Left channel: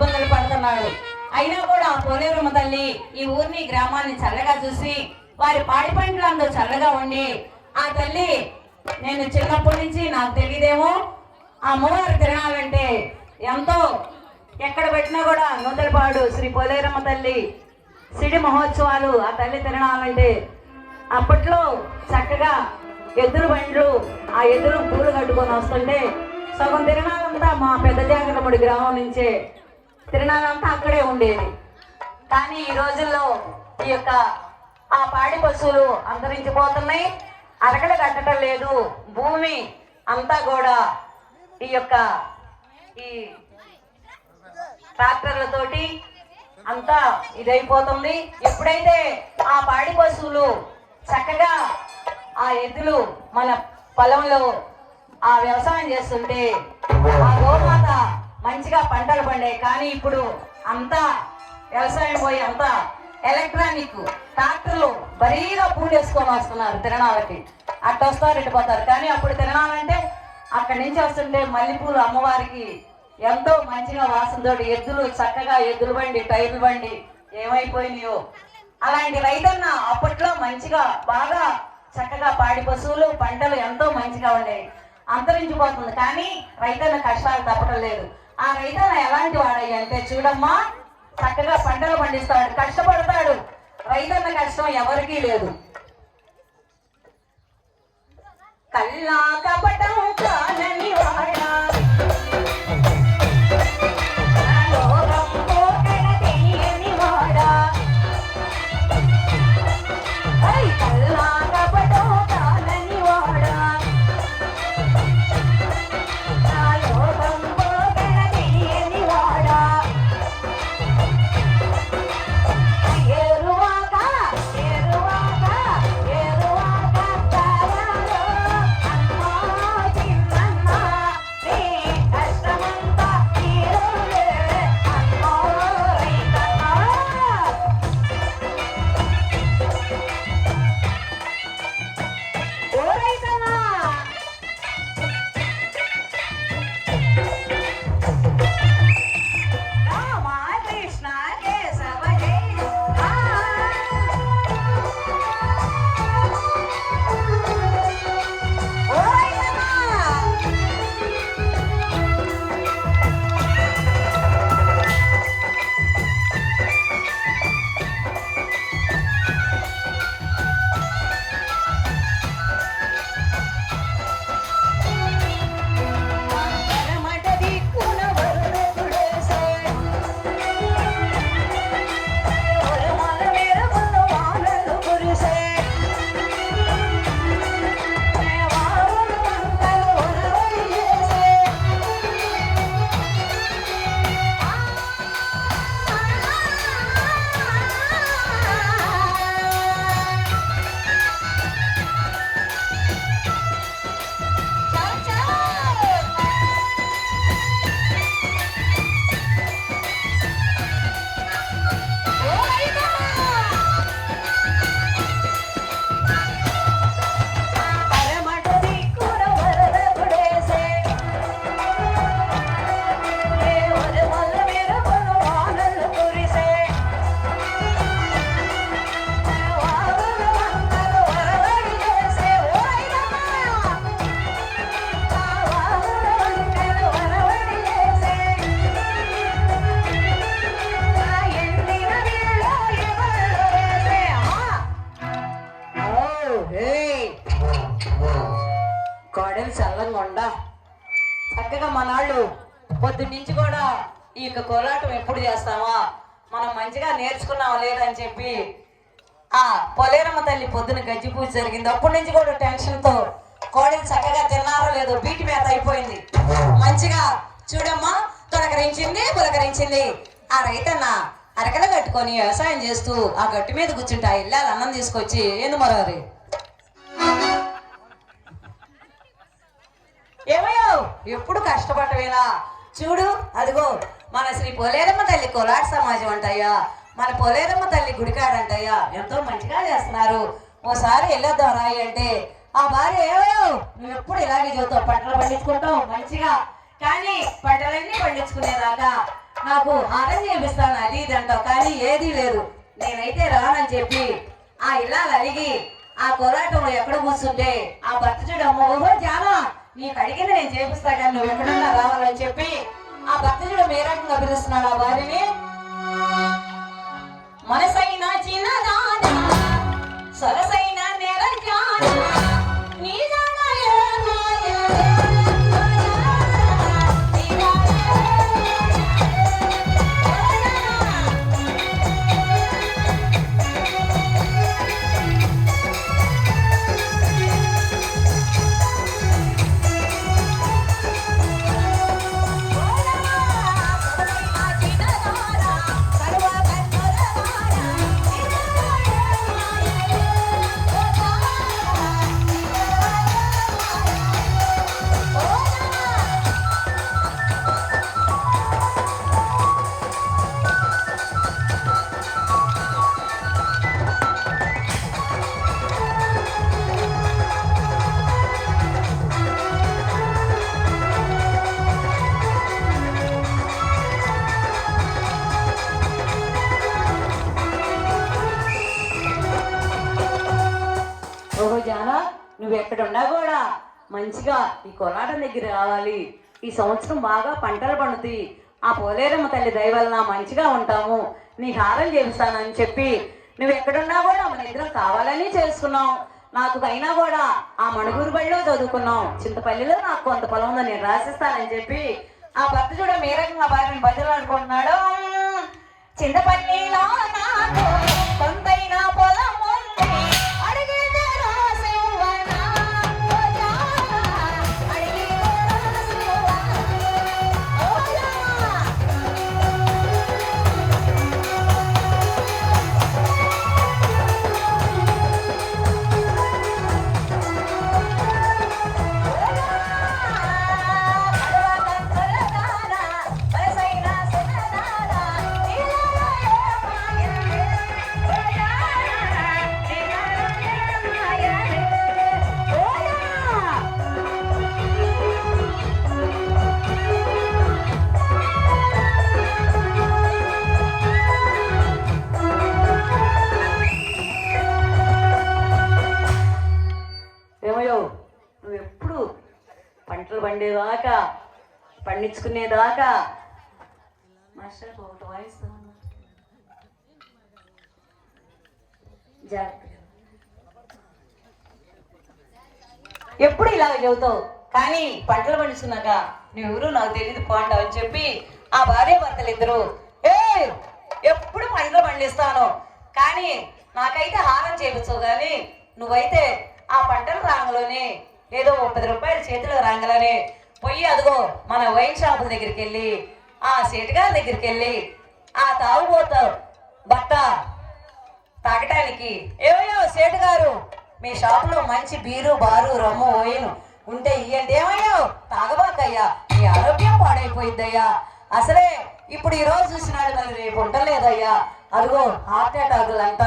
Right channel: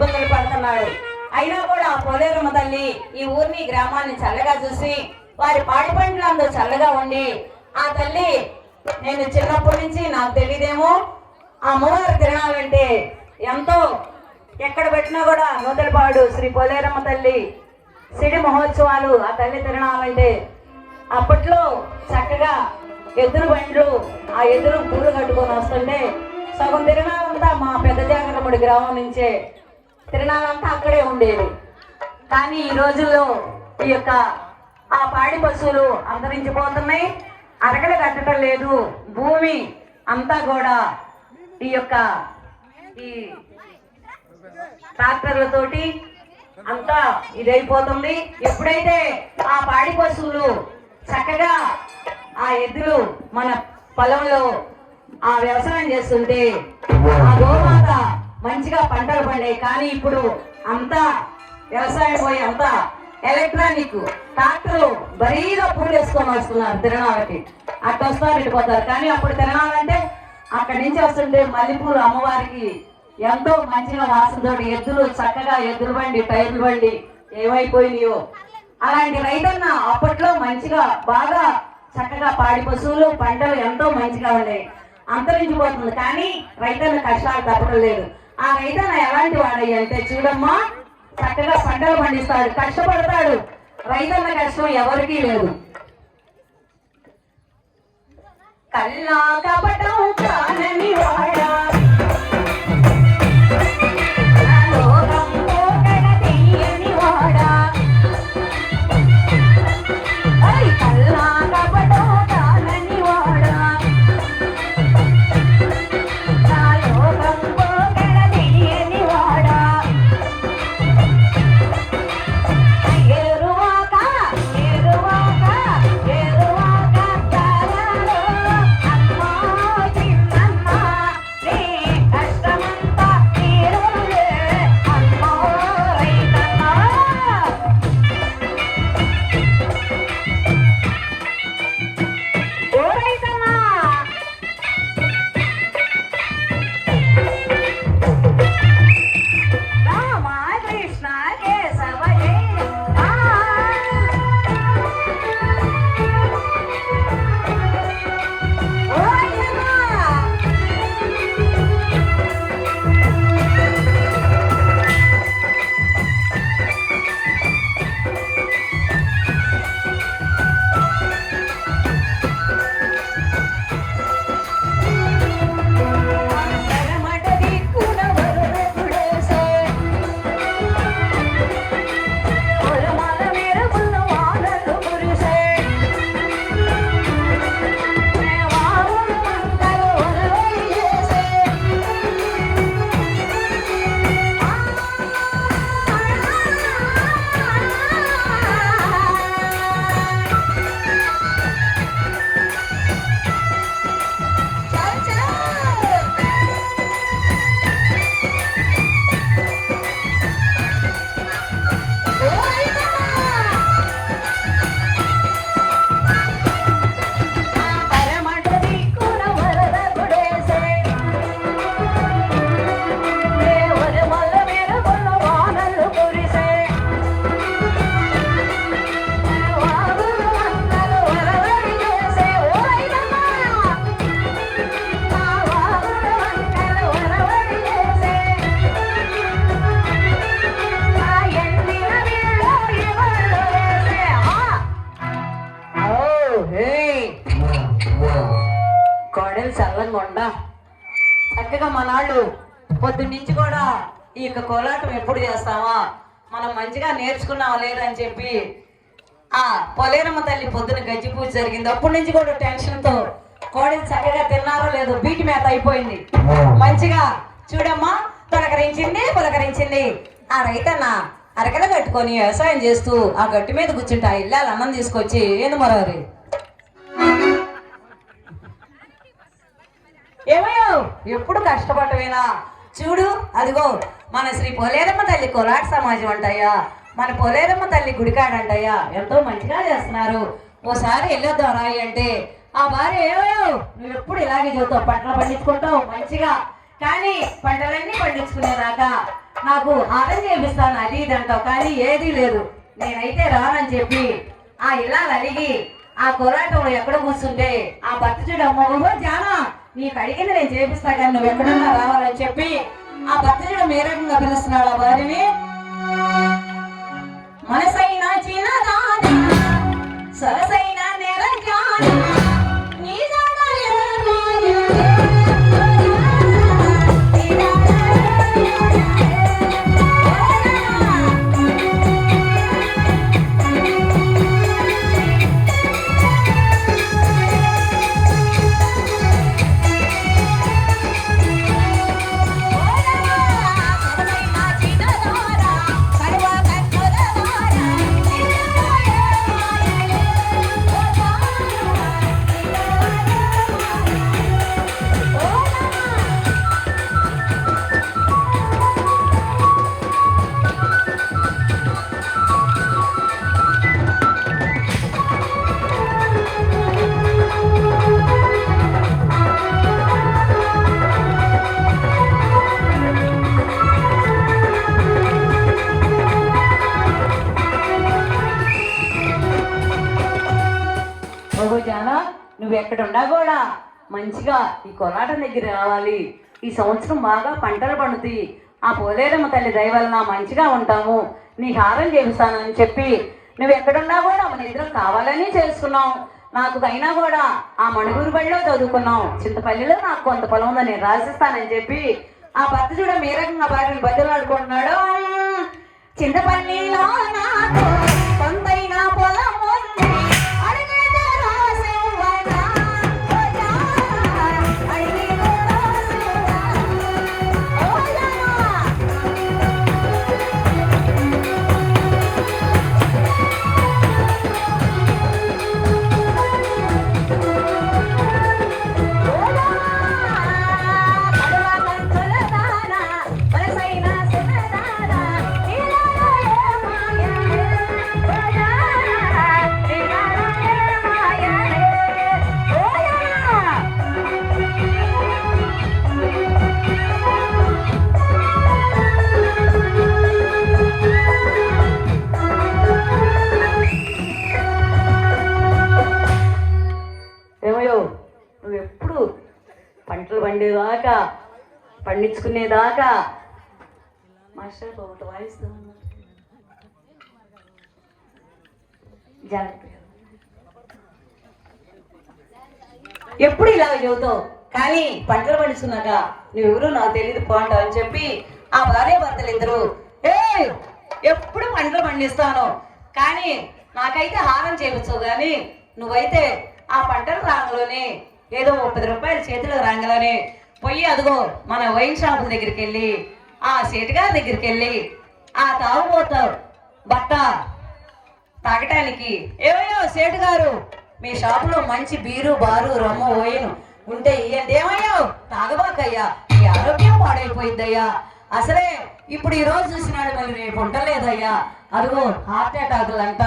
ఇబ్బందులు పడుతున్నాడు. అయినా కూడా ఆ పోలేరమ్మ తల్లి ఈ ఊరిని గ్రామాన్ని చల్లగా చూసి వారి పాటి పంటలందు చల్లగా ఉండి ఆ తల్లి నేను చిన్నప్పటి నుంచి నాకు తెలియదేమో ఆ అమ్మవారి తిరణాలంటే ఎంతో ఎక్కడ పెట్టినా కూడా నూతలపాడు శ్రీ పోలేరమ్మ తల్లి సిడి మహోత్సవాలు ఆ తల్లి తిరణాలంటే అప్పట్లో చక్కగా ఎదురు బండ్లు ఆ ఎదురు పూలు కట్టుకొని వస్తుంటే సగం తిరణాలంతా మా పెద్ద జాగ్రత్తముడి గ్రామం నుంచే తిరణాలంతా అక్కడే ఉండేది. కానీ ఈ రోజుల్లో ఈ యొక్క ఆ పాడి పశువులు అంతరించిపోతున్నాయి, అరగలు కట్టడం లేదు, భూమి అంతా కూడా ఈ యొక్క ఈ ట్రాక్టర్లతోటి అంతా ఇదైపోతుంది. ఎప్పుడైతే ఆ పాడి పశువులు చక్కగా ఆ ఎద్దులు మన పొలంలో ఆ వ్యవసాయం చేస్తుంటే ఆ గోమాత మంచిగా పంటలు పండాయి. కానీ ఇప్పుడు అంతా వ్యవసాయం పోయి అంతా ఎలక్ట్రానిక్ ట్రాక్టర్లు బరీగా పూడేసుకొని వస్తున్నారు తిరణాలకి. అక్కడ వస్తారు ఇటుపోతారు. కానీ అప్పుడు తిరణాలంటే అక్కడి నుంచి వస్తుంటే మల్లెపూలు అమ్మవారికి ఎంతో మంచిగా వాసనతో ఎద్దులు చక్కగా ఎద్దుల బండి టైర్లు బండి ఏమైపోయినాయో అలాంటి రైతన్న అప్పట్లో మంచిగా బాగా చక్కగా పాడి పశువులు పంటలు ఎంతో మంచిగా ఉన్నాయి. అంతరించిపోతుంది. కానీ రైతన్న కష్టాలు తప్పడం లేదు. ఆ రైతన్న ఎలాంటి వాడయ్య అంటే చూడమ్మా చక్కగా పంటలు పండిస్తాడు, కష్టపడతాడు. రైతన్న కష్టం ఎవరికీ లేదు. కల్లా కపటం కానని వాడా చక్కగా మనాడు పొద్దున్న నుంచి కూడా ఈ యొక్క కోలాటం ఎప్పుడు చేస్తామా మనం మంచిగా నేర్చుకున్నామా లేదని చెప్పి ఆ పోలేరమ్మ తల్లి పొద్దున గజ్జి పూజ జరిగింది. అప్పటి నుంచి కూడా టెన్షన్ తో కోడలు చక్కగా తిన్నారో లేదో బీటి మేత అయిపోయింది. మంచిగా చూడమ్మా పులకరించింది. ఆ రైతన్న అరకన కట్టుకొని వ్యవసాయం చేస్తూ ఆ గట్టి మీద కూర్చుంటే ఆ ఇల్లాలు అన్నం తీసుకొచ్చి ఏను మరవరి ఏమయ్యో ఎప్పుడు కష్టపడవేనా చూడు అదిగో మన శ్రీ పోలేరమ్మ తల్లి కోలాట సమాజం అంటయ్యా, మన పోలేరమ్మ తల్లి గుడికాడంటయ్యా ఎంతో మంచిగా చేస్తున్నారు, ఓసారి వెళ్ళొద్దాం రాయి అంటే ఆ భార్య ఏమయ్యో నువ్వు ఎప్పుడు ఇలాగే చదువుతావు, పంటలు పండించుకుంటావు మంచిగా, కానీ పంటలన్నీ పండించుకునేదాకా నాకు హారం చేపిస్తాను అది ఇది అంటావు, కానీ ఏదీ లేదు. నేనైతే రానని చెప్పి ఆ ఇలా అడిగి ఆ కోలాటం ఎక్కడ కూర్చుంటే ఆ భర్త చూడమ్మో జానా నీకు అడిగింది నేను చేపిస్తా కానీ నువ్వు ఎక్కడున్నా రావాలని చెప్పి ఆ భర్త చూడ ఏ రకంగా పిలుస్తున్నాడు ఆ భార్యని. మనసైన చిన్నదానా సరసైన నిరంజన నీ ఎక్కడున్నా కూడా మంచిగా ఈ కోలాటం దగ్గర రావాలి. ఈ సంవత్సరం బాగా పంటలు పండుతాయి. ఆ పోలేరమ్మ తల్లి దయ వలన మంచిగా ఉంటాము, నీకు హారం చేస్తానని చెప్పి నువ్వు ఎక్కడున్నా కూడా మన ఇద్దరు కావాలని చేసుకున్నావు. నాకు అయినా కూడా ఆ మణుగూరు బడిలో చదువుకున్నావు, చింతపల్లిలో నాకు కొంత పొలం ఉందని నేను రాసిస్తానని చెప్పి ఆ భర్త చూడ ఏ రకంగా భార్యను బదులాడుకుంటున్నాడు. చింతపల్లిలో నాకు కొంతైన పొలం నువ్వు ఎప్పుడు పంటలు పండేదాకా పండించుకునేదాకా మాస్టర్ ఒకటి వాయిస్ ఎప్పుడు ఇలా చెబుతావు, కానీ పంటలు పండించుకున్నాక నువ్వెవరు నాకు తెలియదు పోండు అని చెప్పి ఆ భార్య భర్తలు ఇద్దరు ఎప్పుడు పంటలు పండిస్తాను, కానీ నాకైతే హారం చేయవచ్చు, కానీ నువ్వైతే ఆ పంటల రాంగలోనే ఏదో 10 రూపాయలు చేతిలో రాగానే పోయి అదిగో మన వైన్ షాపుల దగ్గరికి వెళ్ళి ఆ సేటుగారి దగ్గరికి వెళ్ళి ఆ తాగుబోతావు బట్ట తాగటానికి ఏమయ్యో సేటు గారు మీ షాపులో మంచి బీరు బారు రమ్ము ఓయను ఉంటే ఇయ్యండి. ఏమయ్యో తాగబాకయ్యా, మీ ఆరోగ్యం పాడైపోయిందయ్యా, అసలే ఇప్పుడు ఈ రోజు చూసినాడు మరి రేపు ఉండలేదయ్యా, అదిగో హార్ట్ అటాకులు అంట,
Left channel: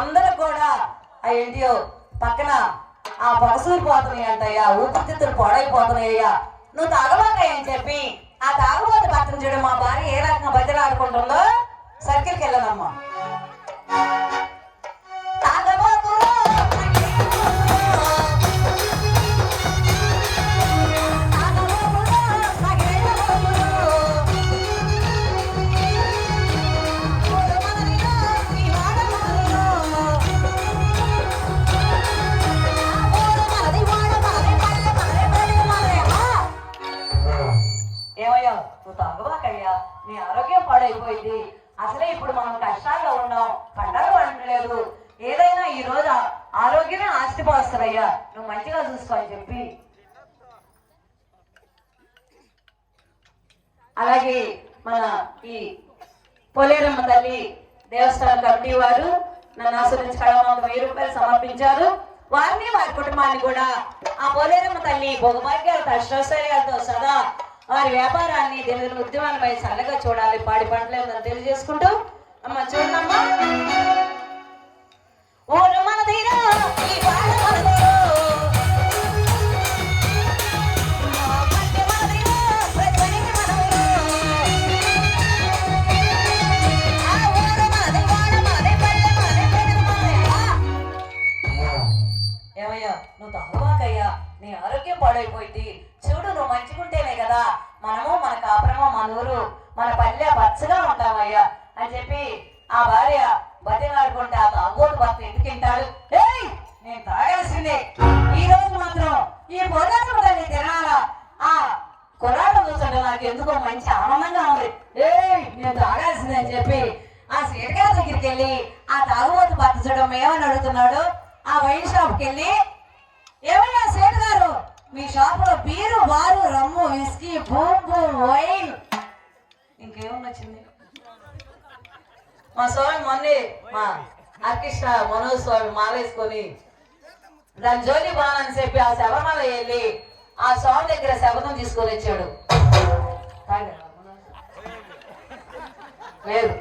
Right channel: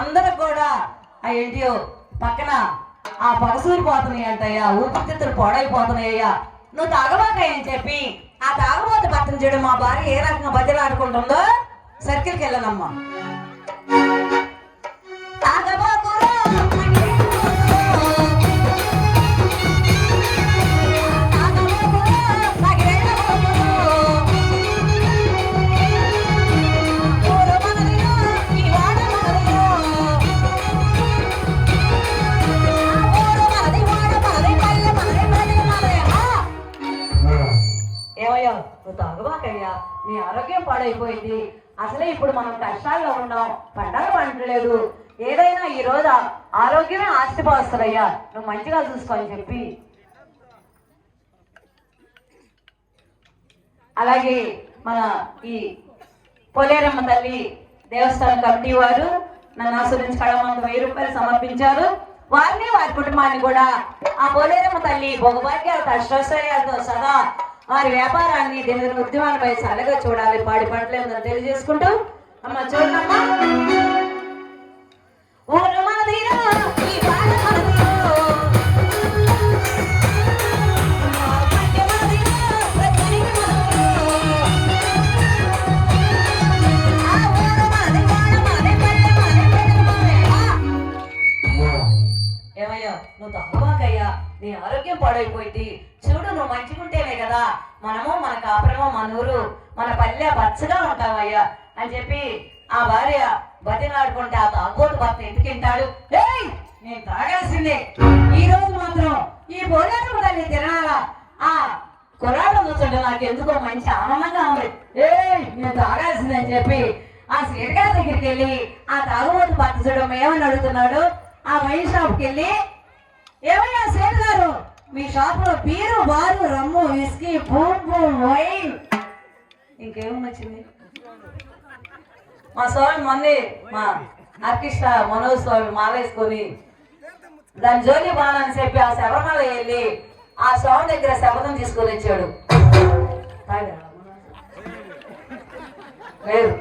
అందరూ కూడా ఏంటియో పక్కన ఆ పొగసూరిపోతున్నాయి అంటయ్యా, ఊపిరితిత్తులు పాడైపోతున్నాయ్యా, నువ్వు తాగబాకయ్య అని చెప్పి ఆ తాగబోతే పక్కన చూడు మా భార్య ఏ రకంగా బద్దలాడుకుంటుందో సర్కిల్కి వెళ్ళనమ్మా. నువ్వు తాగబాకయ్యా, నీ ఆరోగ్యం పాడైపోయింది, అసలే ఇప్పుడు మనం కష్టాల్లో ఉన్నాం, పంటలు పండలేదు, ఏదైనా ఈ రోజు ఆరోగ్యమే ఆస్తిపోస్తుందయ్యా, నువ్వు మంచిగా చూసుకో అని చెప్పి అలాగే మన ఈ పోలేరమ్మ తల్లి దేవస్థానం కమిటీ వారు నన్ను ఆశ్రయించి కడవమ్మకు 1000 రూపాయలు సమర్పించారు. వారిని వారి కుటుంబాన్ని కూడా ఆ పోలేరమ్మ తల్లి భోగభాగ్యాలు కష్టాశ్రయాలతో సదా వారి వ్యాపారాన్ని దీని ఉద్యమాలపై చల్లగా చూడాలి, పాడి పంటలు తెలియజేసుకుంటూ అమ్మ చూడమ్మా ఊరు మనదిరా ఈ పాట మనదిరా పంట మనదిరా ప్రజలకి మనదిరా మన ఊరు మన పల్లె బచ్చగా ఉంటామయ్యా అని చెప్పి ఆ భార్య బతిలాడుకుంటే ఆ తాగోతు భర్త ఎందుకు తింటాడు? ఏయ్ నేను తాగాల్సిందే, ఈ రోజు మాత్రం ఈ పోరాటం తల్లి తినాలా, ఆ కొలాటం చూస్తుంటే నాకు ఎందుకో మంచి ఆనందంగా ఉంది, ఏయ్ నేను తాగాల్సిందే అని చెప్పి ఆ స్వీట్ గారి దగ్గరికి వెళ్ళి ఆ తాగుబోతు భర్త చూడడం ఏమని అడుగుతున్నాడు. ఆ వైన్ షాప్కి వెళ్ళి, ఏమయ్యా స్వీట్ గారు మీ షాప్ లో బీరు బారు రమ్ము విస్కీ వైన్ ఇంకేమో వచ్చింది. మా స్వామి మొన్నే మా ఆర్కెస్ట్రా మనోజ్ స్వామి మాలేసుకొని దాని జోలి బాలని చెప్పి ఆ శబరిమల వెళ్ళి ఆ స్వామి దగ్గర శబదం తీసుకొని వచ్చాడు. లేదు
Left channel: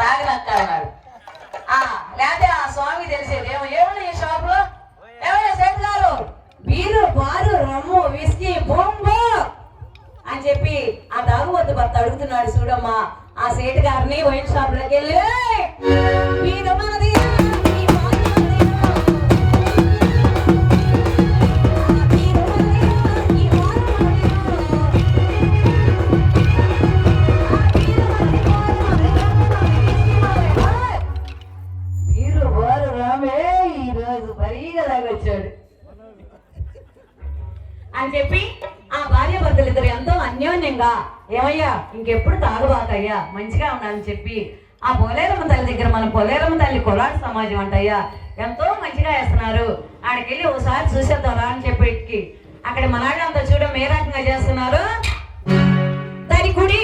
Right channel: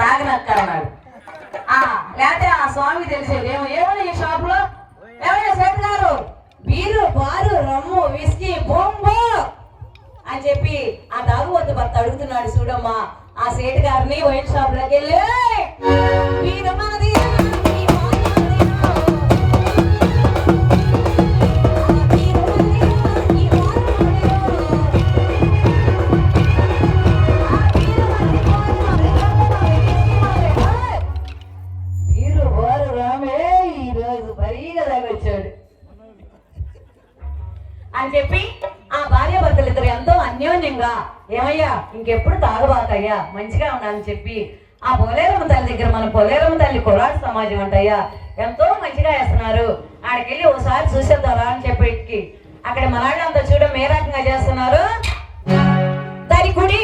తాగినక్క అన్నాడు. లేకపోతే ఆ స్వామి తెలిసేది ఏమన్నా ఈ షాప్ లో ఏమన్నా సేట్ గారు బీరు బారు రమ్ము విస్కీ బొంబో అని చెప్పి ఆ తాగుబోతు భర్త అడుగుతున్నాడు. చూడమ్మా ఆ సేటు గారిని వైన్ షాప్ లోకి వెళ్ళి బీరు బారు రామే ఈరోజు బరీగా తాగొచ్చాడు అని చెప్పి ఆ భార్య భర్తలు ఇద్దరు ఎంతో అన్యోన్యంగా ఏమయ్యా ఇంకెప్పుడు తాగుబాకయ్యా మంచిగా ఉండాలని చెప్పి ఆ పోలేరమ్మ తల్లి దగ్గర మన పోలేరమ్మ తల్లి కొలాడు సమాజం అంటయ్యా ఎంతో మంచిగా వేస్తున్నారు, ఆడికెళ్ళి ఓసారి చూసేద్దారా అని చెప్పి అక్కడ మనాళ్ళంతా చూడడం ఏ రకంగా చేస్తున్నారు. దాని కుడి